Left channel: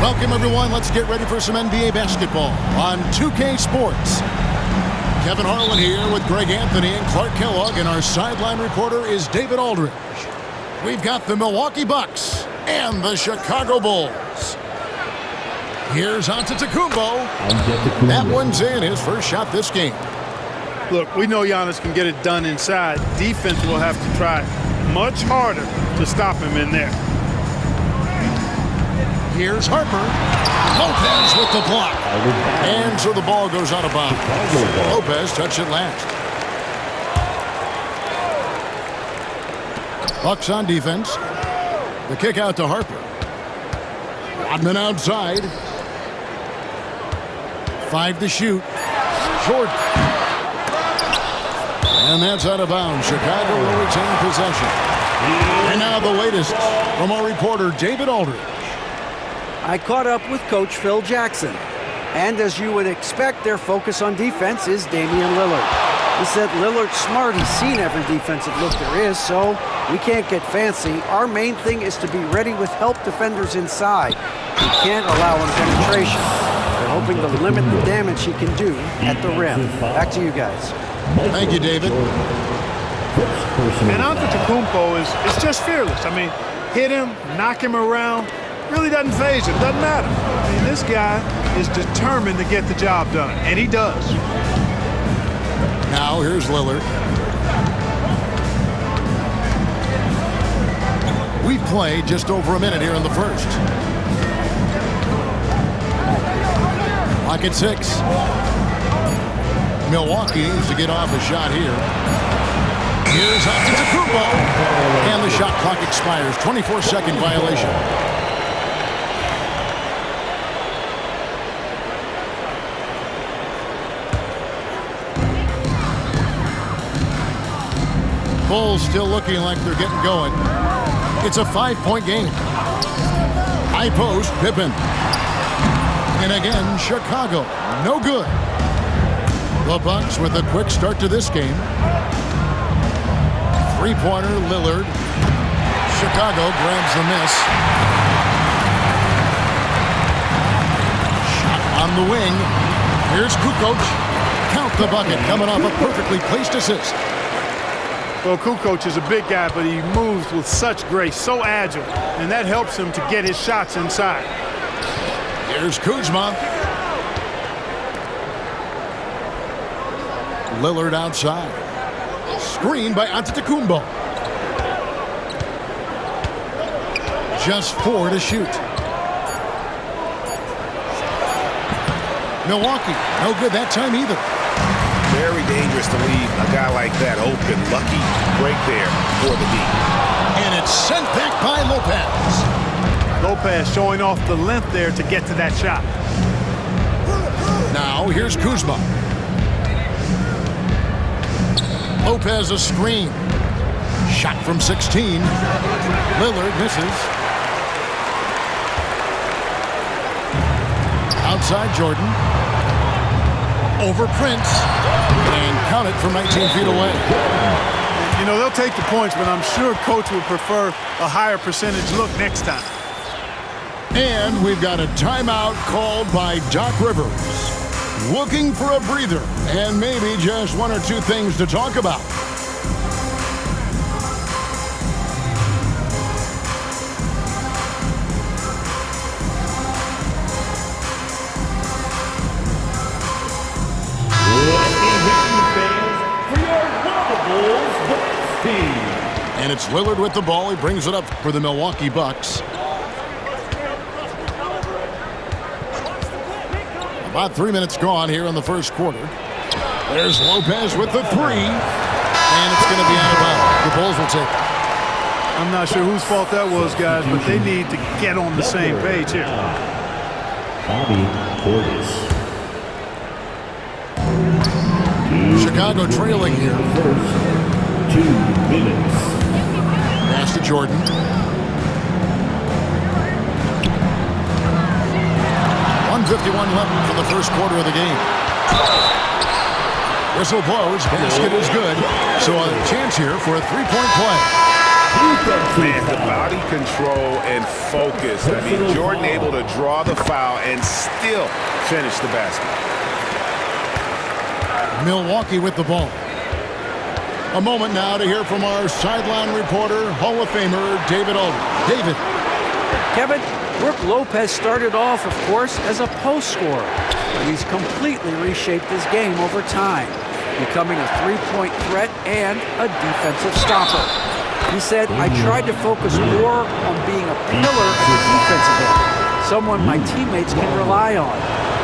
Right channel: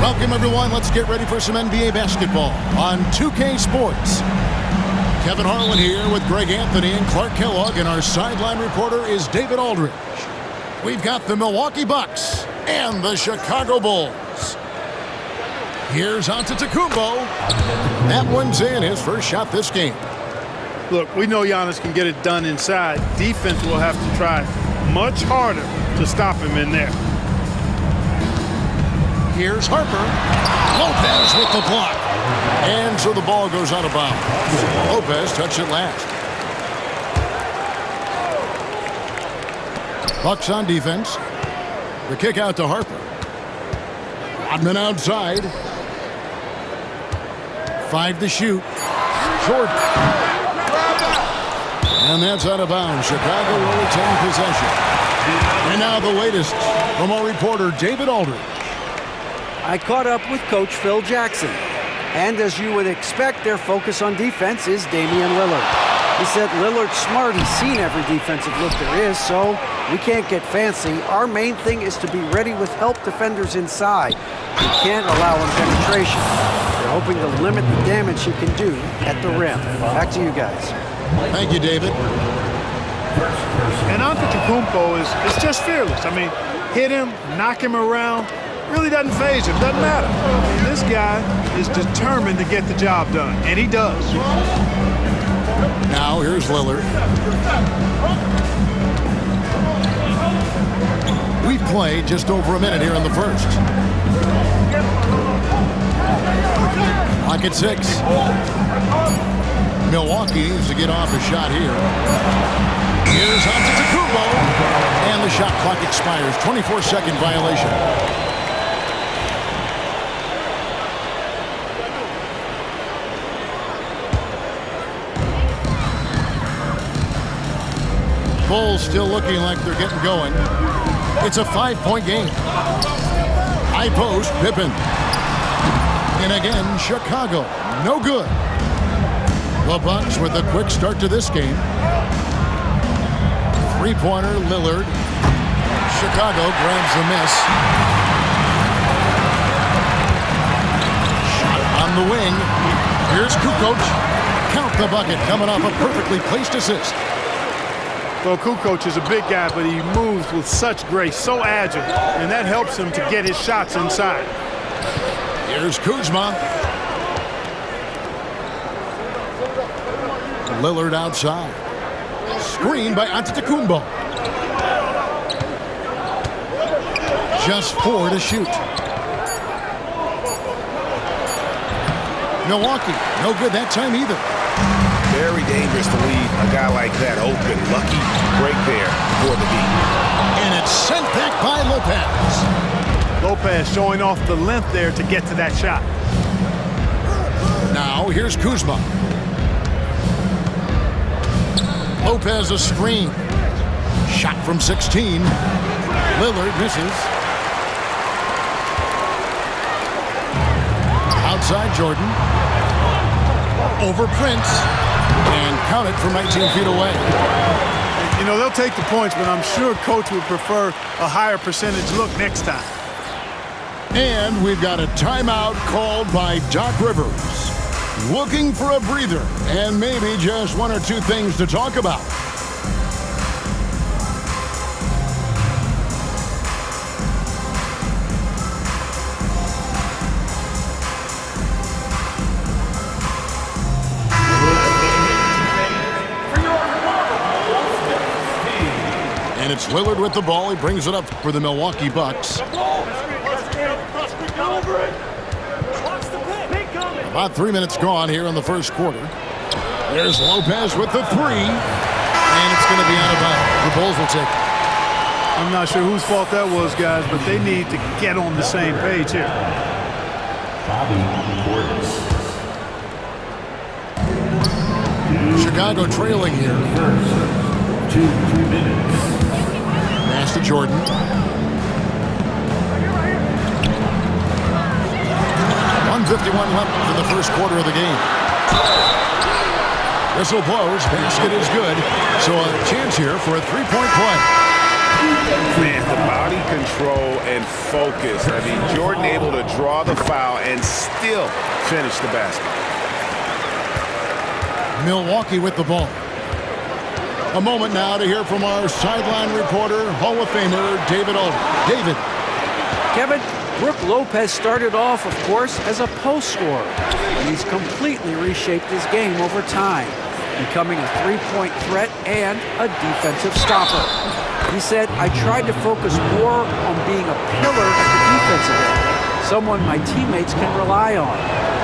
Welcome, everyone. Let's get ready for some NBA basketball on 2K Sports. Kevin Harlan here with Greg Anthony and Clark Kellogg, and our sideline reporter is David Aldridge. We've got the Milwaukee Bucks and the Chicago Bulls. Here's Antetokounmpo. That one's in, his first shot this game. Look, we know Giannis can get it done inside. Defense will have to try much harder to stop him in there. Here's Harper. Lopez with the block. And so the ball goes out of bounds. Lopez touched it last. Bucks on defense. The kick out to Harper. Rodman outside. 5 to shoot. Jordan. And that's out of bounds. Chicago will retain possession. And now the latest from our reporter, David Aldridge. I caught up with Coach Phil Jackson. And as you would expect, their focus on defense is Damian Lillard. He said Lillard's smart. He's seen every defensive look there is, so we can't get fancy. Our main thing is to be ready with help defenders inside. We can't allow him penetration. They're hoping to limit the damage he can do at the rim. Back to you guys. Thank you, David. And Antetokounmpo is just fearless. I mean, hit him, knock him around, really doesn't faze him, doesn't matter. I mean, this guy is determined to get the job done, and he does. Now here's Lillard. We've played just over a minute here in the first. Lock at 6. Milwaukee needs to get off a shot here. Here's Antetokounmpo. And the shot clock expires. 24-second violation. Bulls still looking like they're getting going. It's a 5-point game. High post, Pippen. And again, Chicago. No good. The Bucks with a quick start to this game. Three-pointer, Lillard. Chicago grabs the miss. Shot on the wing. Here's Kukoc. Count the bucket, coming off a perfectly placed assist. Well, Kukoc is a big guy, but he moves with such grace, so agile, and that helps him to get his shots inside. Here's Kuzma. Lillard outside. Screen by Antetokounmpo. Just 4 to shoot. Milwaukee, no good that time either. Very dangerous to leave a guy like that open. Lucky break there for the D. And it's sent back by Lopez. Lopez showing off the length there to get to that shot. Now here's Kuzma. Lopez a screen. Shot from 16. Lillard misses. Outside Jordan. Over Prince. And count it from 19 feet away. You know, they'll take the points, but I'm sure Coach would prefer a higher percentage look next time. And we've got a timeout called by Doc Rivers. Looking for a breather and maybe just 1 or 2 things to talk about. And it's Lillard with the ball. He brings it up for the Milwaukee Bucks. About 3 minutes gone here in the first quarter. There's Lopez with the 3. And it's going to be out of bounds. The Bulls will take it. I'm not sure whose fault that was, guys, but they need to get on the same page here. Bobby Portis. Chicago trailing here. First 2 minutes. Pass to Jordan. .151 left in the first quarter of the game. Whistle blows. Basket is good. So a chance here for a 3-point play. Man, the body control and focus. I mean, Jordan able to draw the foul and still finish the basket. Milwaukee with the ball. A moment now to hear from our sideline reporter, Hall of Famer David Aldridge. David. Kevin, Brook Lopez started off, of course, as a post scorer, but he's completely reshaped his game over time, becoming a three-point threat and a defensive stopper. He said, I tried to focus more on being a pillar at the defensive end, someone my teammates can rely on.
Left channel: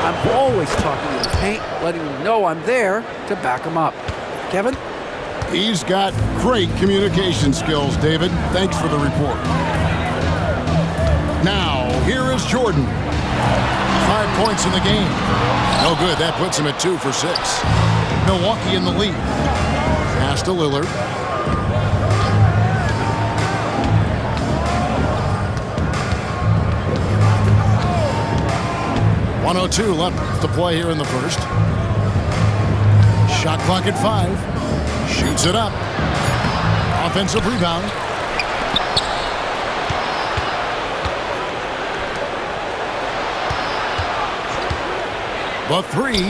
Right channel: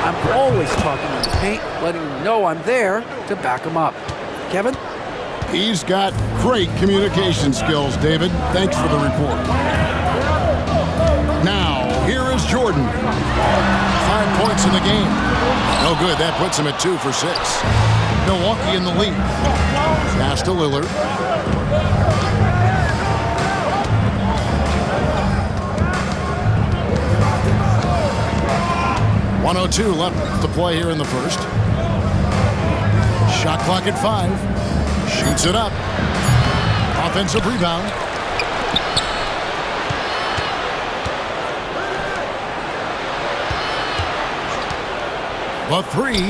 I'm always talking in the paint, letting them know I'm there to back them up. Kevin? He's got great communication skills, David. Thanks for the report. Now, here is Jordan. 5 points in the game. No good. That puts him at 2 for 6. Milwaukee in the lead. Pass to Lillard. .102 left to play here in the first. Shot clock at 5. Shoots it up. Offensive rebound. The 3.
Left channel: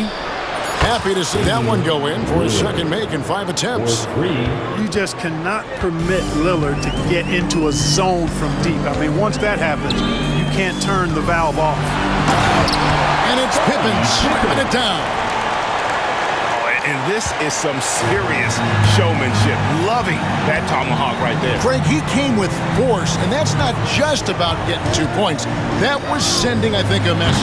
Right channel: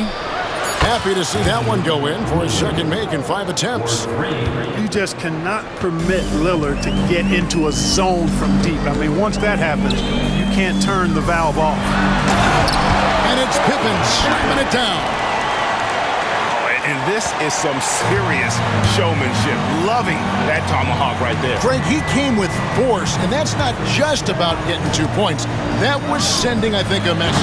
Happy to see that one go in for his second make in 5 attempts. You just cannot permit Lillard to get into a zone from deep. I mean, once that happens, you can't turn the valve off. And it's Pippen slamming it down. And this is some serious showmanship. Loving that tomahawk right there. Craig, he came with force, and that's not just about getting 2 points. That was sending, I think, a message.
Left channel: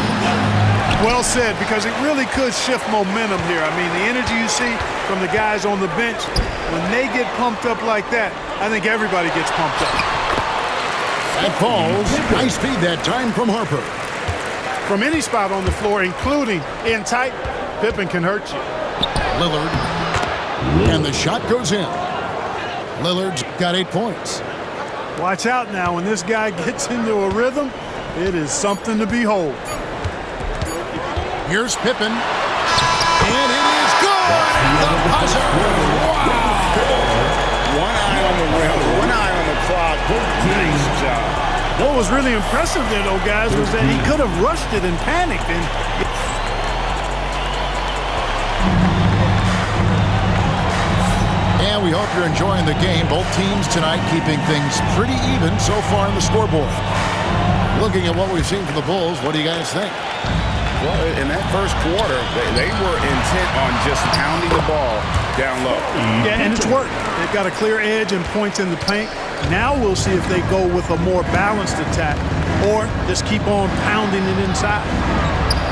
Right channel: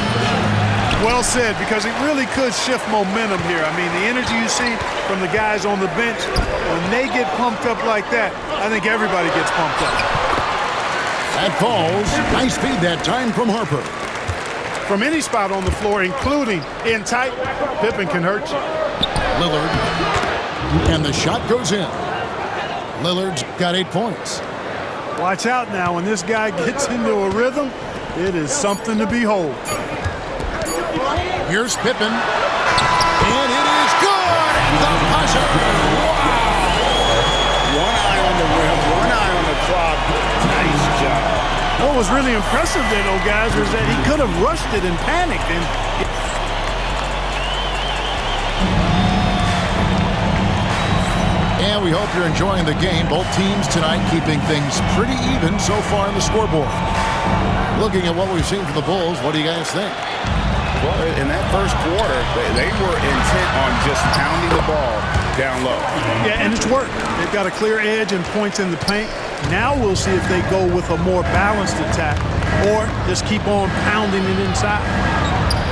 Well said, because it really could shift momentum here. I mean, the energy you see from the guys on the bench, when they get pumped up like that, I think everybody gets pumped up. That falls. Nice feed that time from Harper. From any spot on the floor, including in tight, Pippen can hurt you. Lillard. And the shot goes in. Lillard's got 8 points. Watch out now. When this guy gets into a rhythm, it is something to behold. Here's Pippen. And it is good at the buzzer. Wow. One eye on the rim, one eye on the clock. Nice job. What was really impressive there, though, guys, was that he could have rushed it and panicked. And we hope you're enjoying the game. Both teams tonight keeping things pretty even so far on the scoreboard. Looking at what we've seen from the Bulls, what do you guys think? Well, in that first quarter, they were intent on just pounding the ball down low. Yeah, and it's worked. They've got a clear edge and points in the paint. Now we'll see if they go with a more balanced attack or just keep on pounding it inside.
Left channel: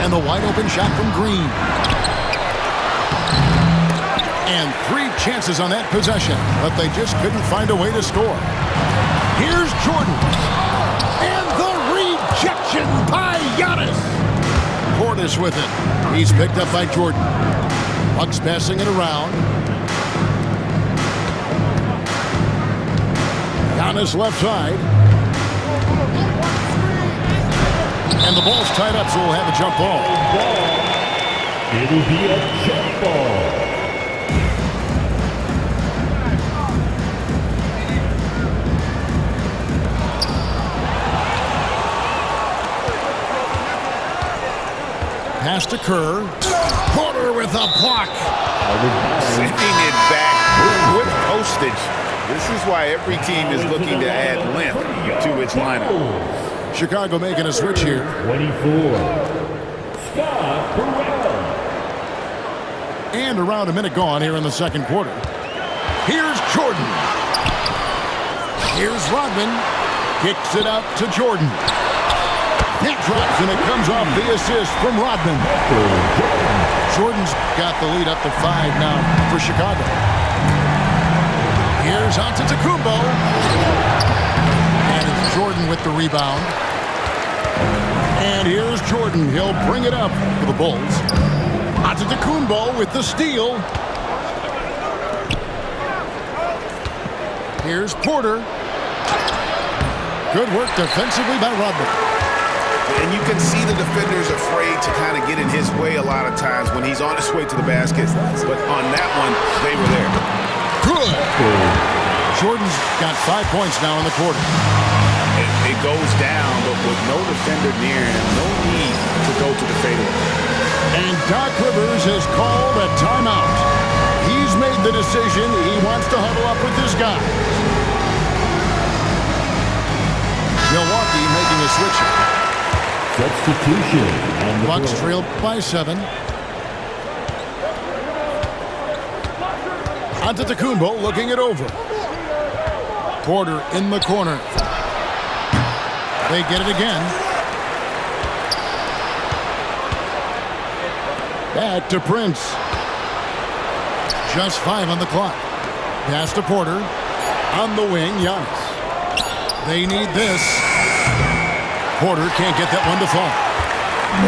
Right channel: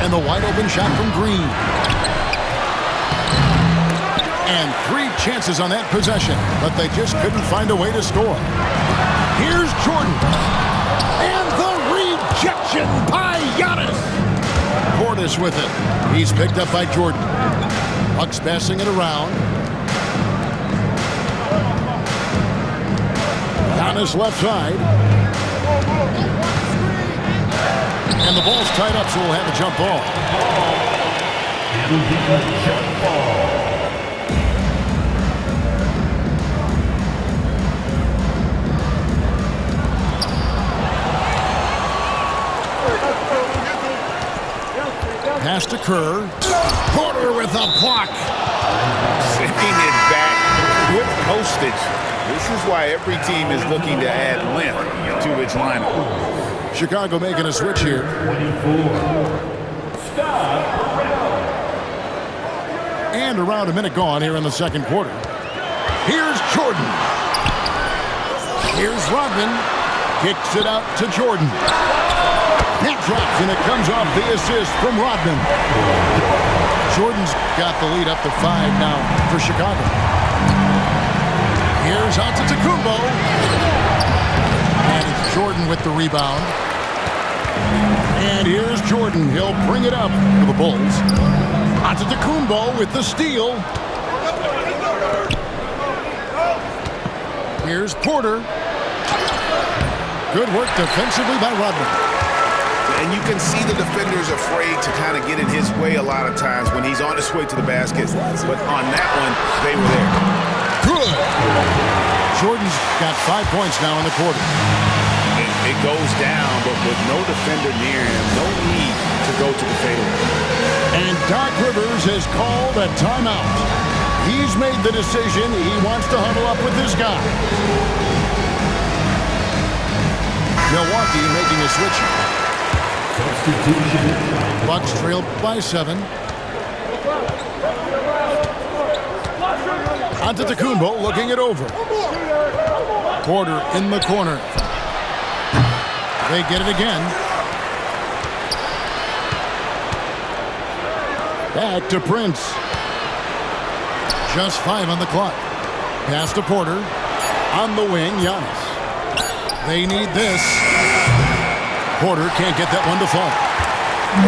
And the wide open shot from Green. And 3 chances on that possession, but they just couldn't find a way to score. Here's Jordan. And the rejection by Giannis. Portis with it. He's picked up by Jordan. Bucks passing it around. Giannis left side. And the ball's tied up, so we'll have a jump ball. It'll be a jump ball. Pass to Kerr. Porter with a block. Sending it back with postage. This is why every team is looking to add length to its lineup. Chicago making a switch here. 24. Stop around. And around a minute gone here in the second quarter. Here's Jordan. Here's Rodman. Kicks it out to Jordan. That drops, and it comes off the assist from Rodman. Jordan's got the lead up to 5 now for Chicago. Here's Antetokounmpo. And it's Jordan with the rebound. And here's Jordan. He'll bring it up for the Bulls. Antetokounmpo with the steal. Here's Porter. Good work defensively by Rodman. And you can see the defenders afraid to kind of get in his way a lot of times when he's on his way to the basket. But on that one, they were there. Good. Jordan's got 5 points now in the quarter. It goes down, but with no defender near him, no need to go to the fadeaway. And Doc Rivers has called a timeout. He's made the decision. He wants to huddle up with his guys. Milwaukee making a switch. Substitution. Bucks trail by 7. Antetokounmpo looking it over. Porter in the corner. They get it again. Back to Prince. Just 5 on the clock. Pass to Porter. On the wing, Giannis. They need this. Porter can't get that one to fall.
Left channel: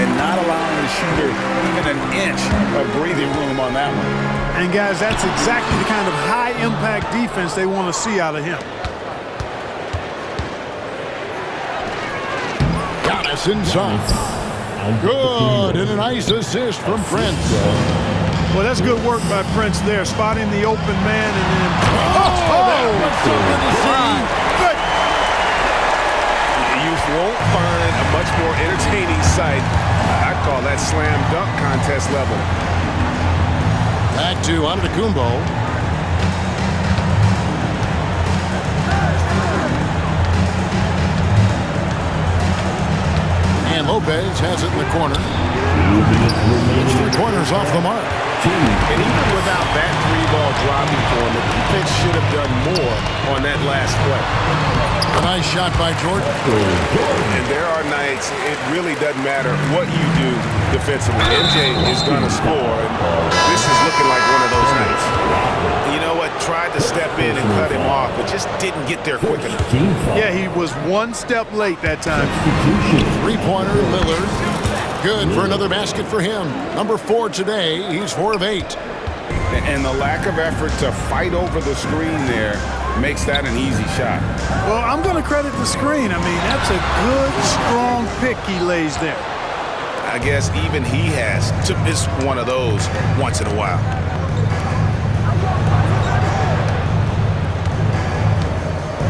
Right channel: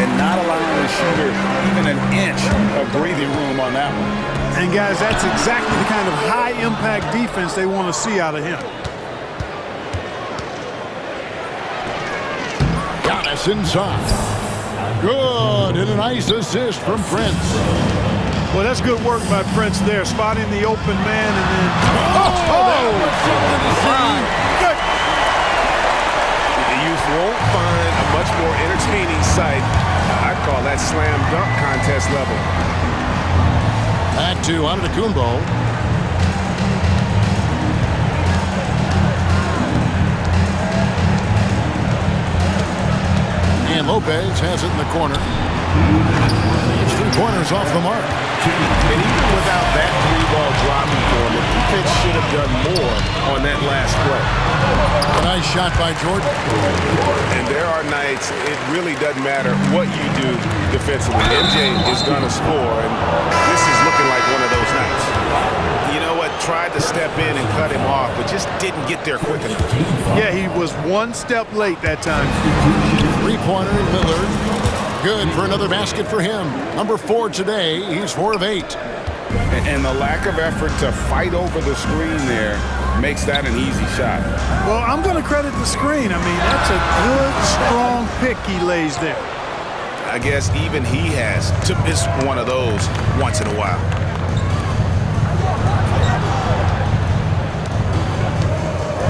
And not allowing the shooter even an inch of breathing room on that one. And, guys, that's exactly the kind of high-impact defense they want to see out of him. Giannis inside. Good, and a nice assist from Prince. Well, that's good work by Prince there, spotting the open man and then... that was something to see. Good. You won't find a much more entertaining sight. I'd call that slam dunk contest level. Back to Antetokounmpo. And Lopez has it in the corner. It's 3-pointers off the mark. And even without that 3-ball dropping for him, the defense should have done more on that last play. A nice shot by Jordan. And there are nights it really doesn't matter what you do defensively. MJ is going to score, and this is looking like one of those nights. You know what? Tried to step in and cut him off, but just didn't get there quick enough. Yeah, he was one step late that time. 3-pointer, Lillard. Good for another basket for him. Number 4 today. He's 4 of 8. And the lack of effort to fight over the screen there makes that an easy shot. Well, I'm going to credit the screen. I mean, that's a good, strong pick he lays there. I guess even he has to miss one of those once in a while.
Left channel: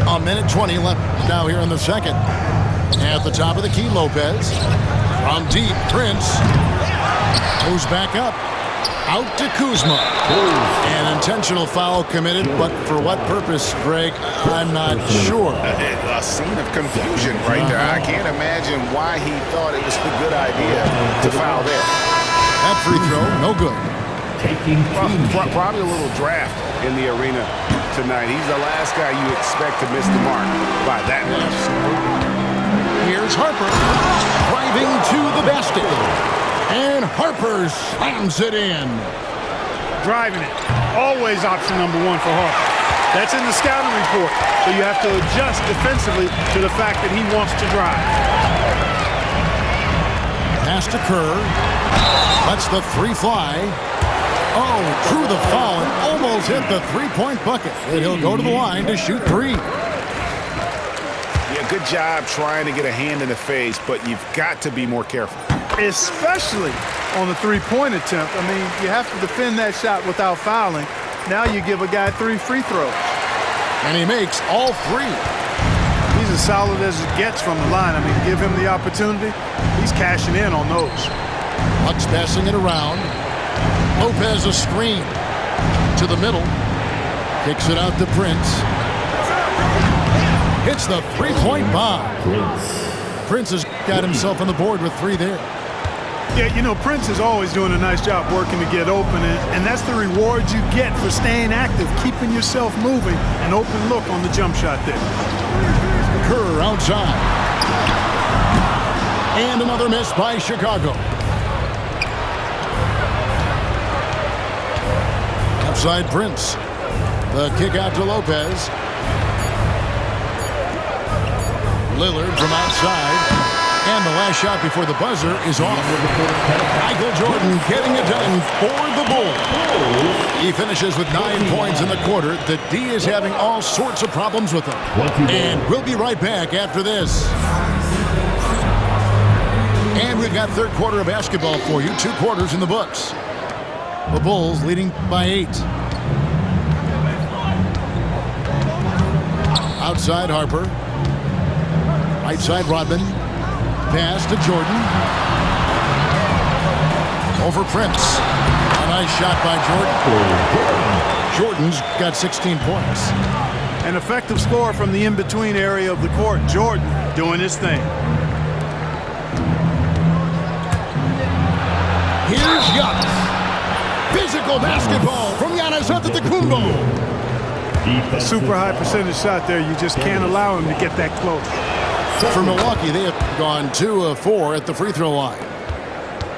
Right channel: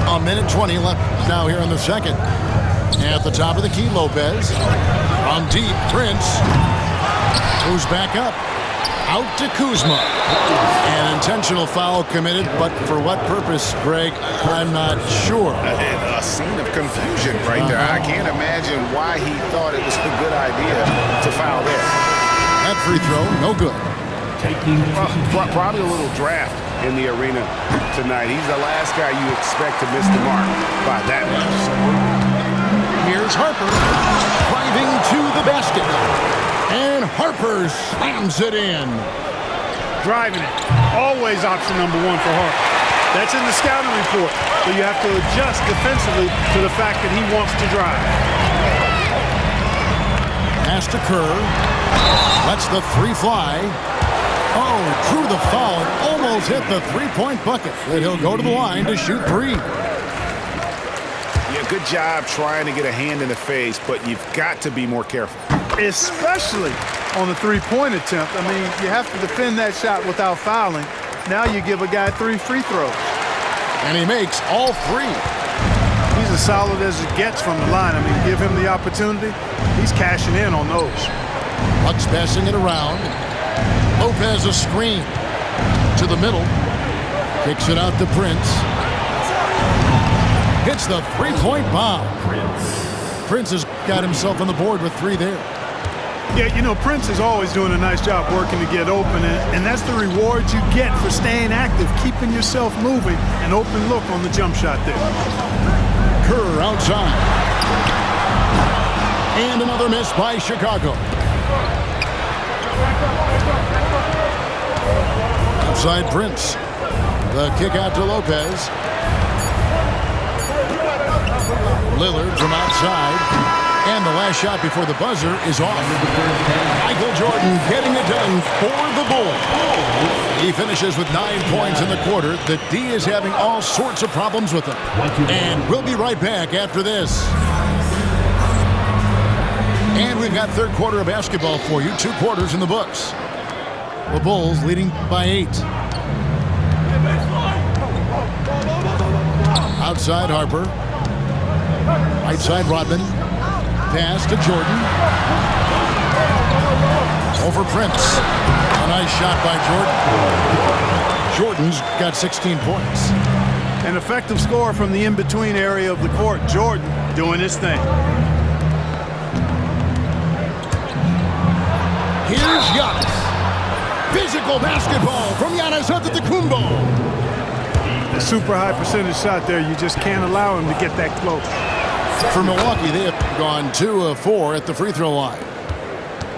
A minute 20 left now here in the second. At the top of the key, Lopez. From deep, Prince. Goes back up. Out to Kuzma. An intentional foul committed, but for what purpose, Greg? I'm not sure. A scene of confusion right there. I can't imagine why he thought it was a good idea to foul there. That free throw, no good. Probably a little draft in the arena tonight. He's the last guy you expect to miss the mark by that much. Here's Harper driving to the basket. And Harper slams it in. Driving it. Always option number 1 for Harper. That's in the scouting report. So you have to adjust defensively to the fact that he wants to drive. Pass to Kerr. Lets the 3 fly. Oh, drew the foul and almost hit the 3-point bucket. And he'll go to the line to shoot 3. Yeah, good job trying to get a hand in the face, but you've got to be more careful. Especially on the 3-point attempt. I mean, you have to defend that shot without fouling. Now you give a guy 3 free throws. And he makes all 3. He's as solid as it gets from the line. I mean, give him the opportunity. He's cashing in on those. Bucks passing it around. Lopez a screen. To the middle. Kicks it out to Prince. Hits the 3-point bomb. Prince has got himself on the board with 3 there. Yeah, you know, Prince is always doing a nice job working to get open, and that's the reward you get for staying active, keeping yourself moving, an open look on the jump shot there. Kerr outside. And another miss by Chicago. Outside Prince. The kick out to Lopez. Lillard from outside. And the last shot before the buzzer is off. Michael Jordan getting it done for the Bulls. He finishes with 9 points in the quarter. The D is having all sorts of problems with him. And we'll be right back after this. And we've got third quarter of basketball for you. 2 quarters in the books. The Bulls leading by 8. side, Harper. Right side, Rodman. Pass to Jordan. Over Prince. A nice shot by Jordan. Jordan's got 16 points. An effective score from the in-between area of the court. Jordan doing his thing. Here's Giannis. Physical basketball from Giannis Antetokounmpo. A super high percentage shot there. You just can't allow him to get that close. For Milwaukee, they have gone 2 of 4 at the free throw line.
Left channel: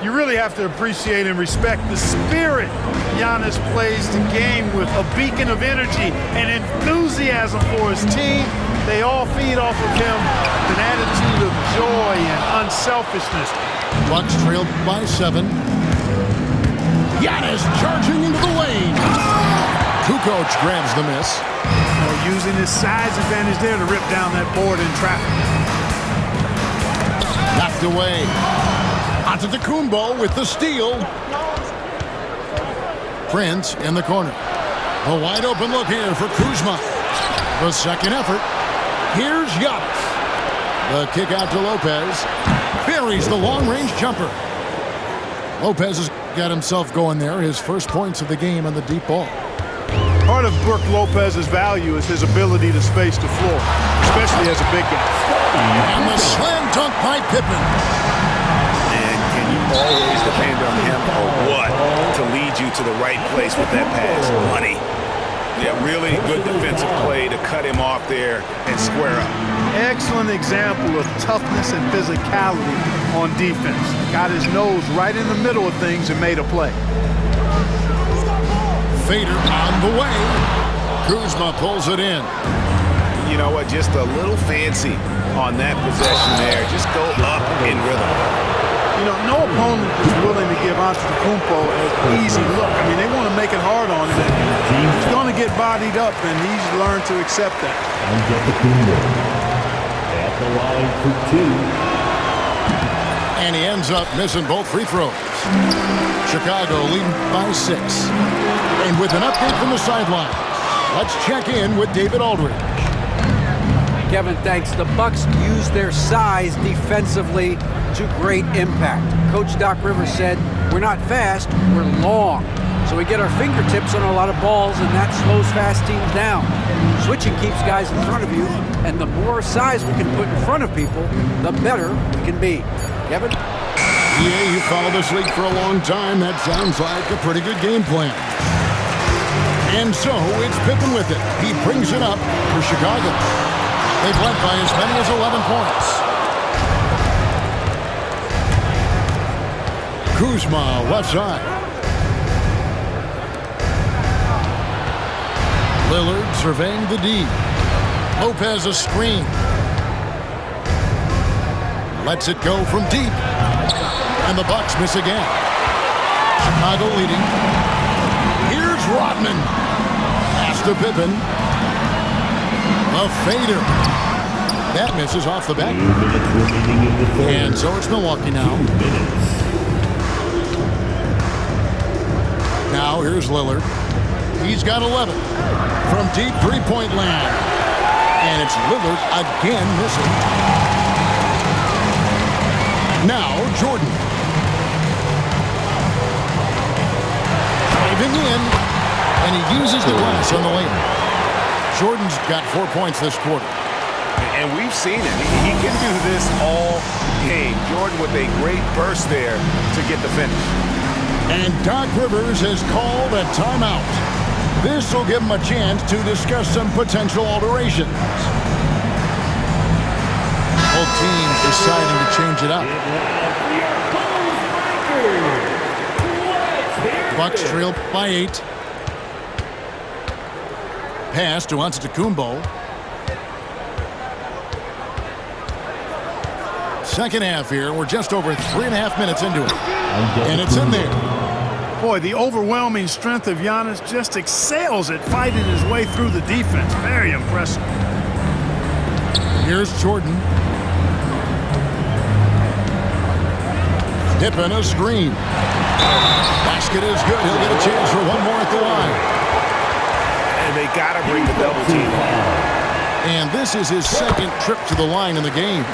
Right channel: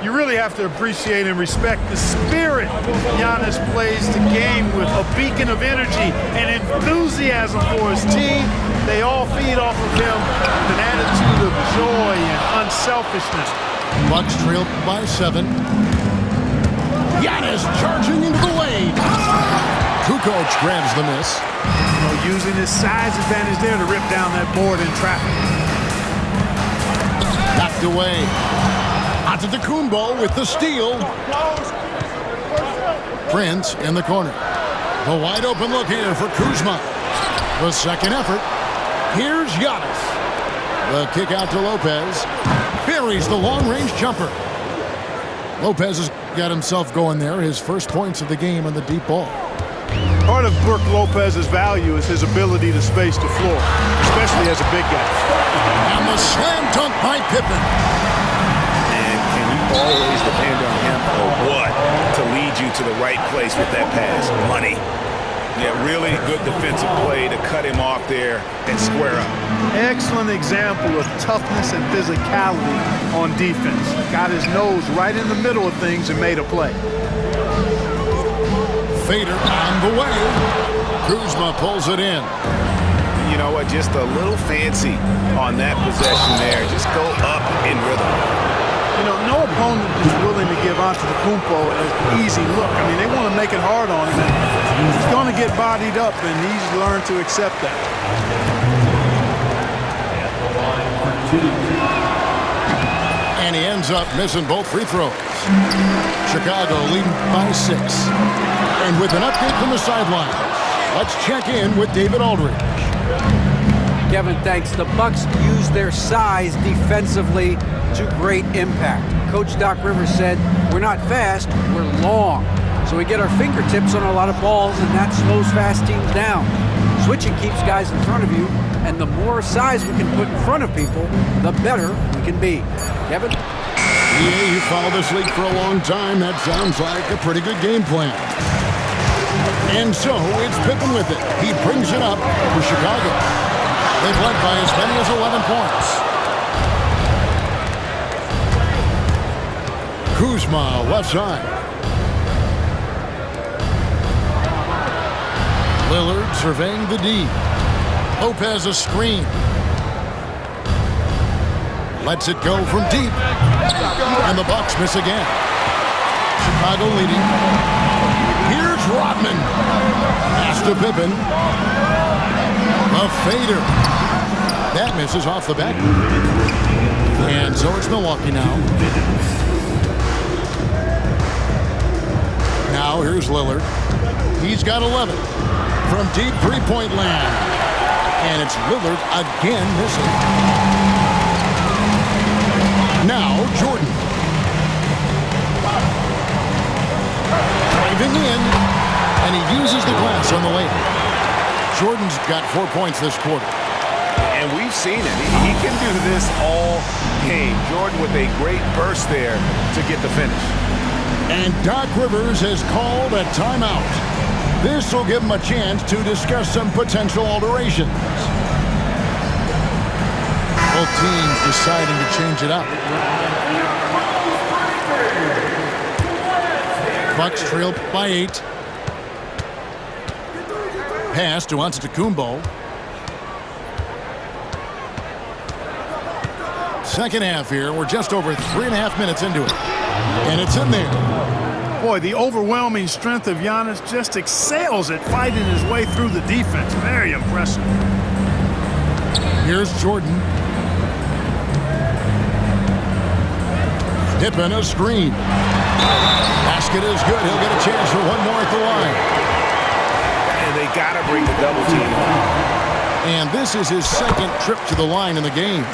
You really have to appreciate and respect the spirit Giannis plays the game with, a beacon of energy and enthusiasm for his team. They all feed off of him, an attitude of joy and unselfishness. Bucks trail by 7. Giannis charging into the lane. Kukoc grabs the miss. Using his size advantage there to rip down that board in traffic. Knocked away. Antetokounmpo with the steal. Prince in the corner. The wide open look here for Kuzma. The second effort. Here's Giannis. The kick out to Lopez. Buries the long-range jumper. Lopez has got himself going there. His first points of the game on the deep ball. Part of Brook Lopez's value is his ability to space the floor, especially as a big guy. And the slam dunk by Pippen. And can you always depend on him or what to lead you to the right place with that pass? Money. Yeah, really good defensive play to cut him off there and square up. Excellent example of toughness and physicality on defense. Got his nose right in the middle of things and made a play. Fader on the way. Kuzma pulls it in. You know what? Just a little fancy on that possession there. Just go up in rhythm. No opponent is willing to give Antetokounmpo an easy look. I mean, they want to make it hard on him. And he's going to get bodied up, and he's learned to accept that. Antetokounmpo at the line for 2. And he ends up missing both free throws. Chicago leading by 6. And with an update from the sidelines, let's check in with David Aldridge. Kevin, thanks. The Bucks use their size defensively to great impact. Coach Doc Rivers said, we're not fast, we're long. So we get our fingertips on a lot of balls, and that slows fast teams down. Switching keeps guys in front of you, and the more size we can put in front of people, the better we can be. Kevin? Yeah, you followed this league for a long time. That sounds like a pretty good game plan. And so it's Pippen with it. He brings it up for Chicago. They've led by as many as 11 points. Kuzma, left side. Lillard surveying the D. Lopez a screen. Lets it go from deep. And the Bucks miss again. Chicago leading. Here's Rodman. Pass to Pippen. The fader. That misses off the back. And so it's Milwaukee now. Now here's Lillard. He's got 11 from deep three-point land. And it's Lillard again missing. Now Jordan. Driving in. And he uses the glass on the layup. Jordan's got 4 points this quarter. And we've seen it. He can do this all game. Jordan with a great burst there to get the finish. And Doc Rivers has called a timeout. This will give him a chance to discuss some potential alterations. Both teams deciding to change it up. Bucks trail by 8. Pass to Antetokounmpo. Second half here. We're just over 3.5 minutes into it. And it's in there. Boy, the overwhelming strength of Giannis just excels at fighting his way through the defense. Very impressive. Here's Jordan. Pippen a screen. Basket is good. He'll get a chance for one more at the line. And they got to bring the double team on. And this is his second trip to the line in the game.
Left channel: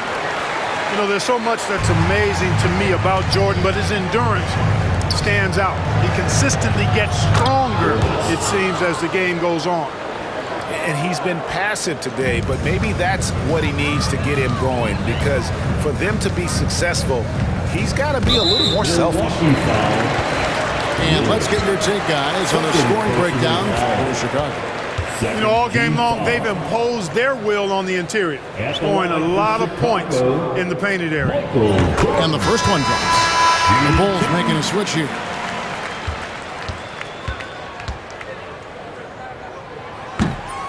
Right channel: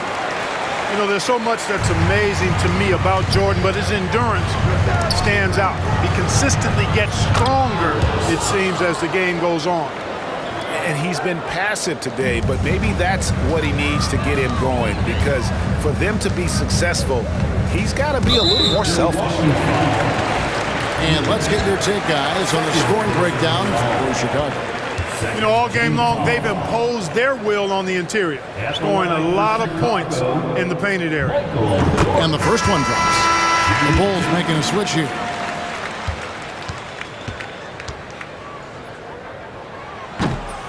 You know, there's so much that's amazing to me about Jordan, but his endurance stands out. He consistently gets stronger, it seems, as the game goes on. And he's been passive today, but maybe that's what he needs to get him going, because for them to be successful, he's got to be a little more selfish. And let's get your take, guys, on the scoring breakdown for Chicago. You know, all game long, they've imposed their will on the interior, scoring a lot of points in the painted area. And the first one drops. The Bulls making a switch here.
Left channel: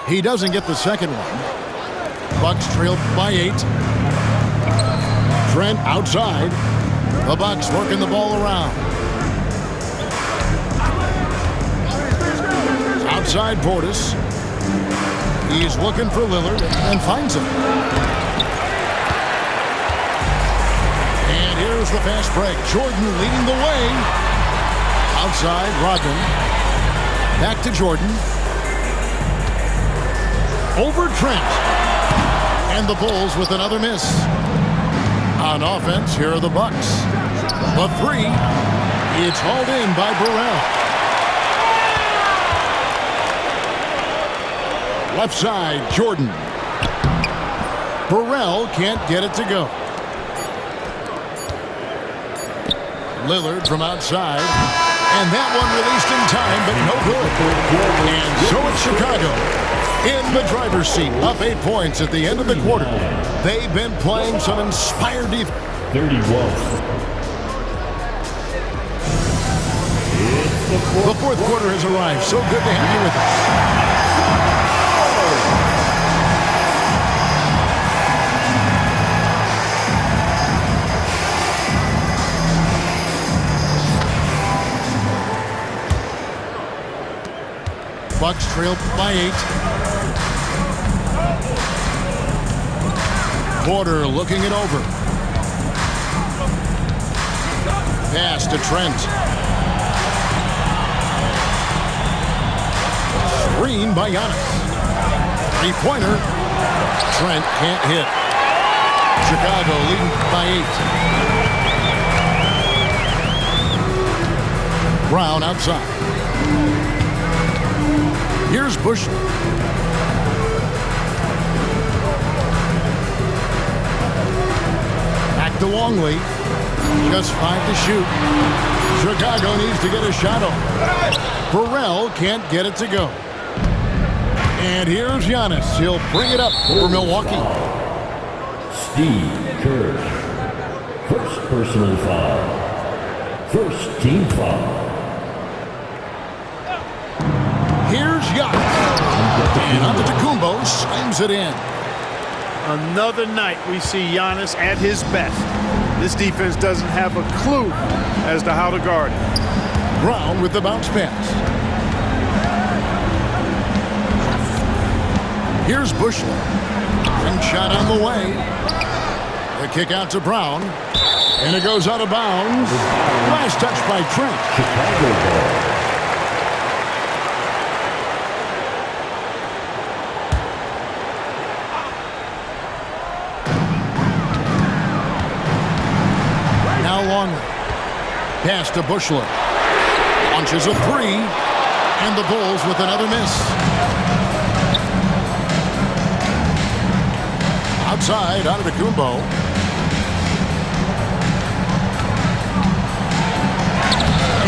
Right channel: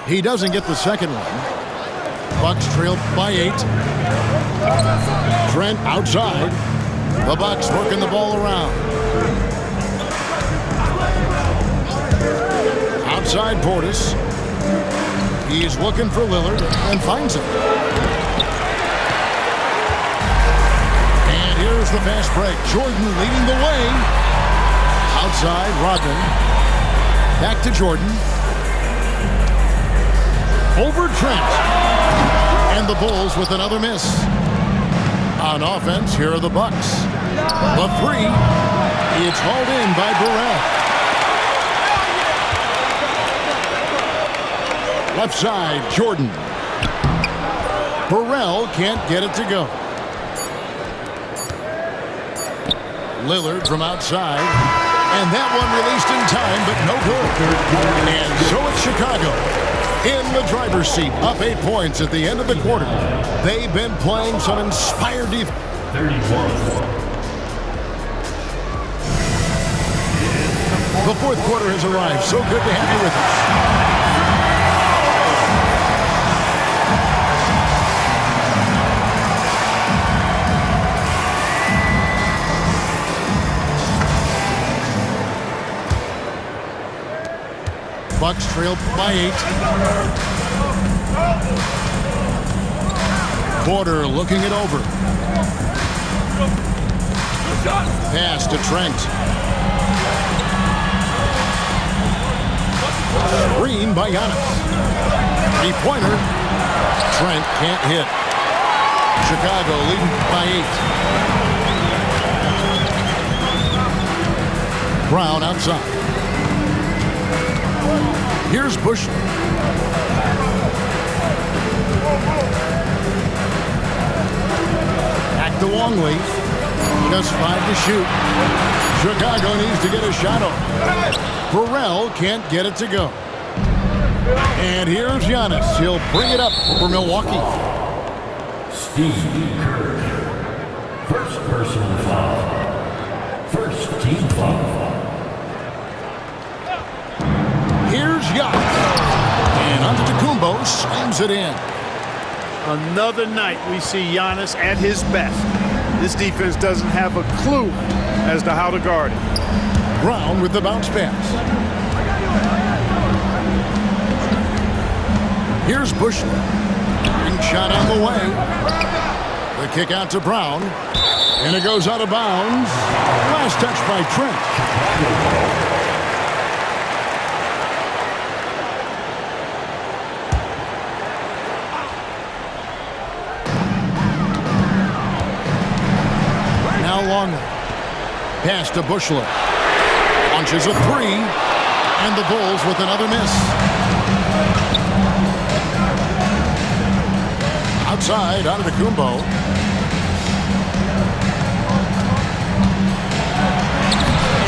He doesn't get the second one. Bucks trail by 8. Trent outside. The Bucks working the ball around. Outside Portis. He's looking for Lillard and finds him. And here's the fast break. Jordan leading the way. Outside Rodman. Back to Jordan. Over Trent. And the Bulls with another miss. On offense, here are the Bucks. The three. It's hauled in by Burrell. Left side, Jordan. Burrell can't get it to go. Lillard from outside. And that one released in time, but no good. And so it's Chicago in the driver's seat, up 8 points at the end of the quarter. They've been playing some inspired defense. 31. The fourth quarter has arrived. So good to have you with us. Bucks trail by 8. Porter looking it over. Pass to Trent. Screen by Giannis. Three-pointer. Trent can't hit. Chicago leading by 8. Brown outside. Here's Bushler. Back to Longley. Just 5 to shoot. Chicago needs to get a shot off. Burrell can't get it to go. And here's Giannis. He'll bring it up for Milwaukee. Steve Kerr. First personal foul. First team foul. Here's Giannis. And Antetokounmpo slams it in. Another night we see Giannis at his best. This defense doesn't have a clue as to how to guard it. Brown with the bounce pass. Here's Bushler. Ring shot on the way. The kick out to Brown. And it goes out of bounds. Last touch by Trent. Chicago. Now Longley. Pass to Bushler. Launches a three. And the Bulls with another miss. Outside, Antetokounmpo.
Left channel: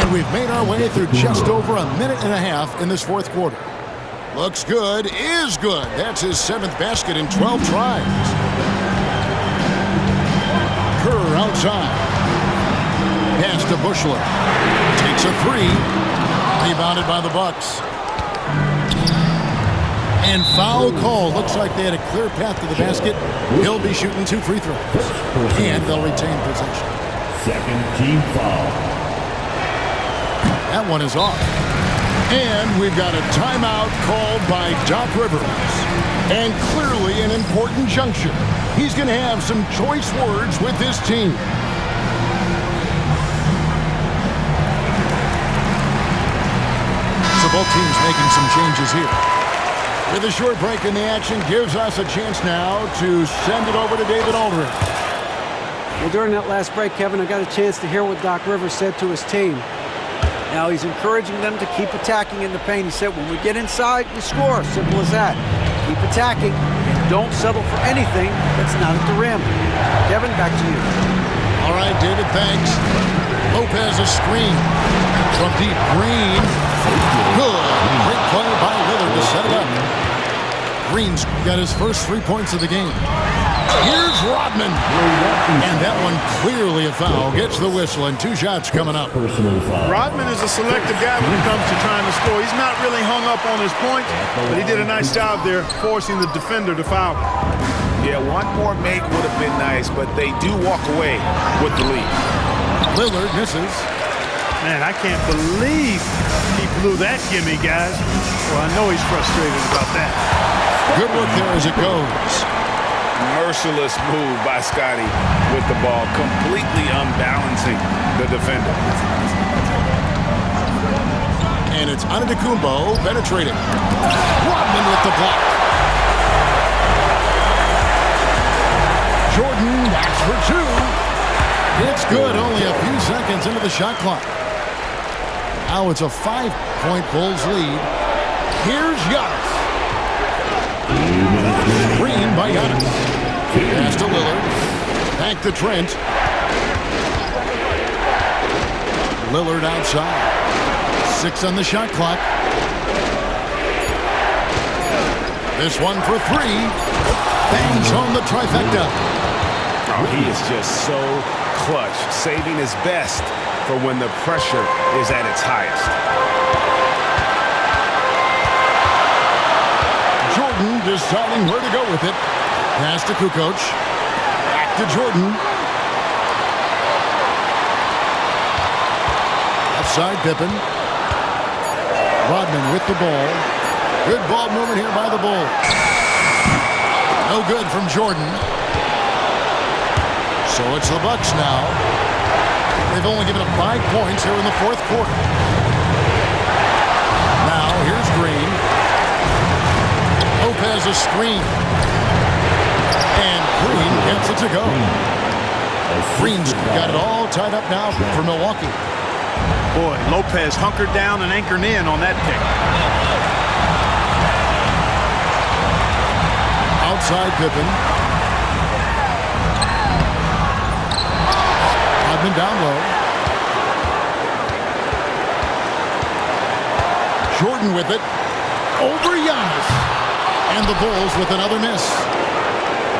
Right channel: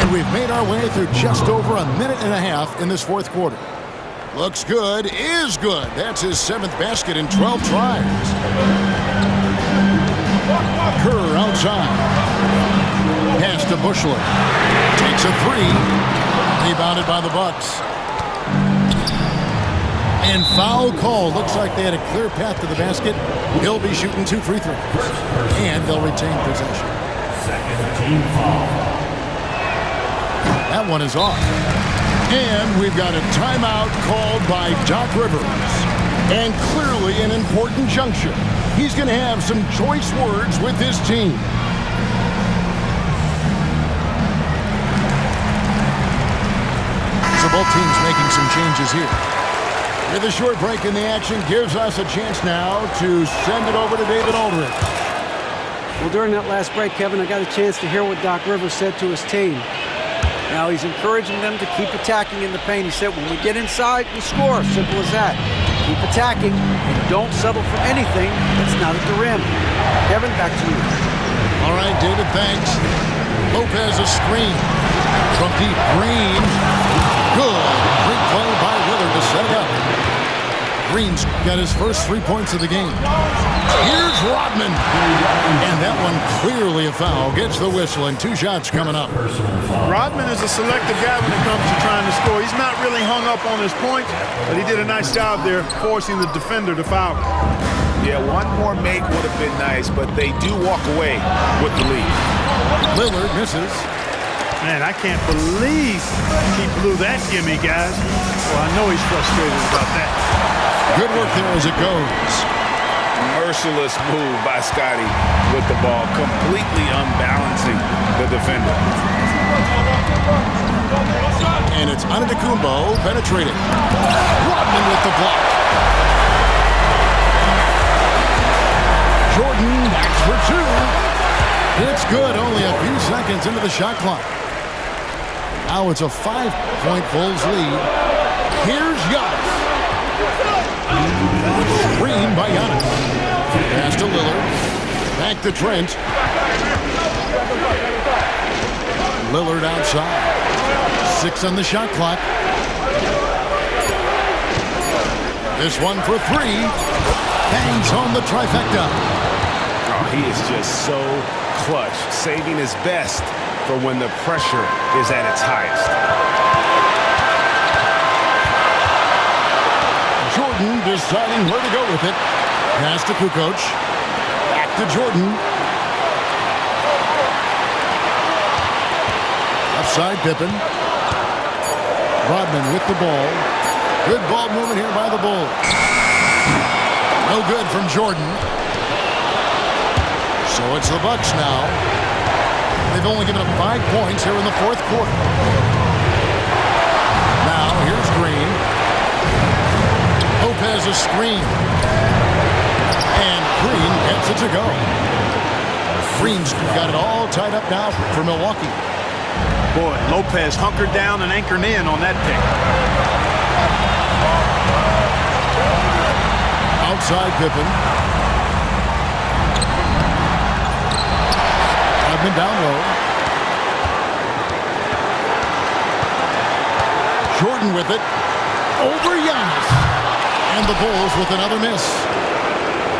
And we've made our way through just over a minute and a half in this fourth quarter. Looks good, is good. That's his 7th basket in 12 tries. Kerr outside. Pass to Bushler. Takes a three. Rebounded by the Bucks. And foul call. Looks like they had a clear path to the basket. He'll be shooting 2 free throws. And they'll retain possession. Second team foul. That one is off. And we've got a timeout called by Doc Rivers. And clearly an important juncture. He's going to have some choice words with his team. So both teams making some changes here. With a short break in the action, gives us a chance now to send it over to David Aldridge. Well, during that last break, Kevin, I got a chance to hear what Doc Rivers said to his team. Now, he's encouraging them to keep attacking in the paint. He said, when we get inside, we score. Simple as that. Keep attacking and don't settle for anything that's not at the rim. Kevin, back to you. All right, David, thanks. Lopez a screen from deep. Green. Good. Great play by Lillard to set it up. Green's got his first 3 points of the game. Here's Rodman. And that one clearly a foul. Gets the whistle and 2 shots coming up. Personal foul. Rodman is a selective guy when it comes to trying to score. He's not really hung up on his points, but he did a nice job there forcing the defender to foul. Yeah, one more make would have been nice, but they do walk away with the lead. Lillard misses. Man, I can't believe he blew that gimme, guys. Well, I know he's frustrated about that. Good work there as it goes. Merciless move by Scotty with the ball, completely unbalancing the defender. And it's Antetokounmpo penetrating. Rodman with the block. Jordan backs for 2. It's good, only a few seconds into the shot clock. Now it's a 5-point Bulls lead. Here's Giannis. Screen by Giannis. Pass to Lillard. Back to Trent. Lillard outside. 6 on the shot clock. This one for 3. Bangs on the trifecta. Oh, he is just so clutch, saving his best for when the pressure is at its highest. Jordan deciding where to go with it. Pass to Kukoc. Back to Jordan. Upside Pippen. Rodman with the ball. Good ball movement here by the Bulls. No good from Jordan. So it's the Bucks now. They've only given up 5 points here in the 4th quarter. Now here's Green. Lopez a screen. And Green gets it to go. Green's got it all tied up now for Milwaukee. Boy, Lopez hunkered down and anchored in on that pick. Outside Pippen. Rodman down low. Jordan with it. Over Giannis. And the Bulls with another miss.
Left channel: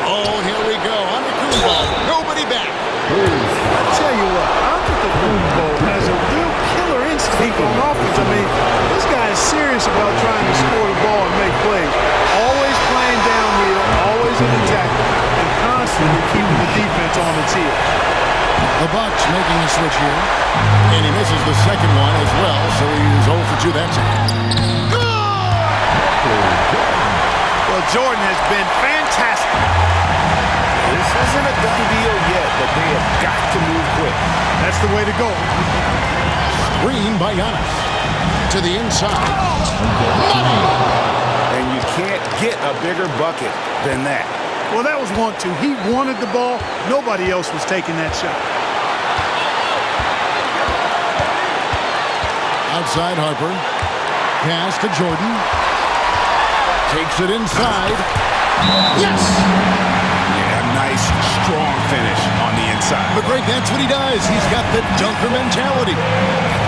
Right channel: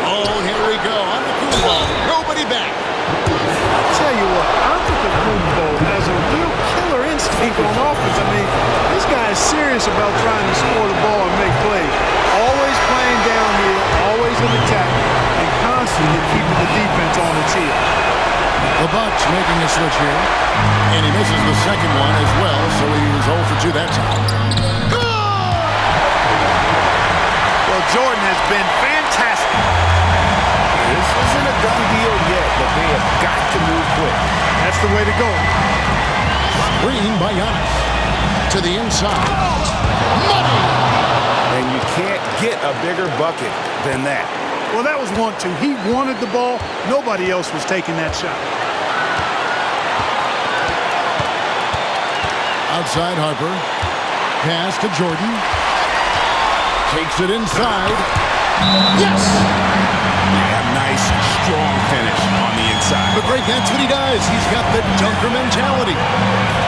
Oh, here we go. Antetokounmpo. Nobody back. I tell you what, Antetokounmpo has a real killer instinct on offense. I mean, this guy is serious about trying to score the ball and make plays. Always playing downhill, always in attack, and constantly keeping the defense on its heels. The Bucks making a switch here. And he misses the second one as well, so he's 0 for 2 that time. Well, Jordan has been fantastic. This isn't a done deal yet, but they have got to move quick. That's the way to go. Screen by Giannis. To the inside. Money! And you can't get a bigger bucket than that. Well, that was 1-2. He wanted the ball. Nobody else was taking that shot. Outside Harper. Pass to Jordan. Takes it inside. Yes! Yeah, nice, strong finish on the inside. But Greg, that's what he does. He's got the dunker mentality.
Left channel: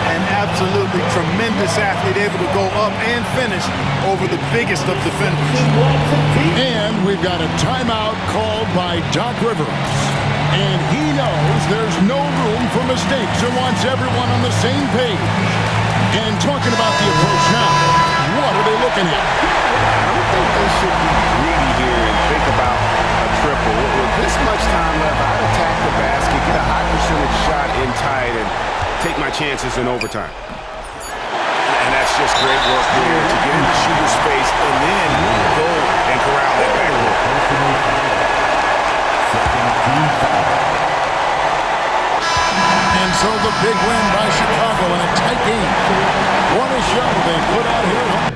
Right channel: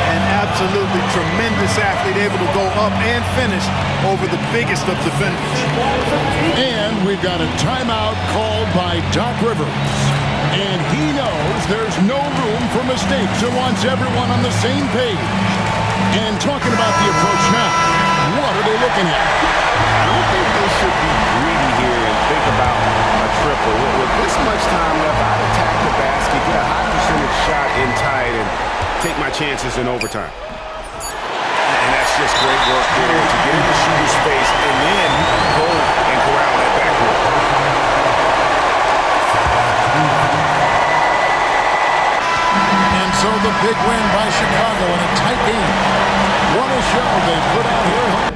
An absolutely tremendous athlete, able to go up and finish over the biggest of defenders. And we've got a timeout called by Doc Rivers. And he knows there's no room for mistakes and wants everyone on the same page. And talking about the approach now, what are they looking at? I don't think they should be greedy here and think about a triple. With this much time left, I'd attack the basket, get a high percentage shot in tight, and take my chances in overtime. And that's just great work there to get into shooter's space and then go and corral that backboard. And so the big win by Chicago in a tight game. What a show they put out here at home.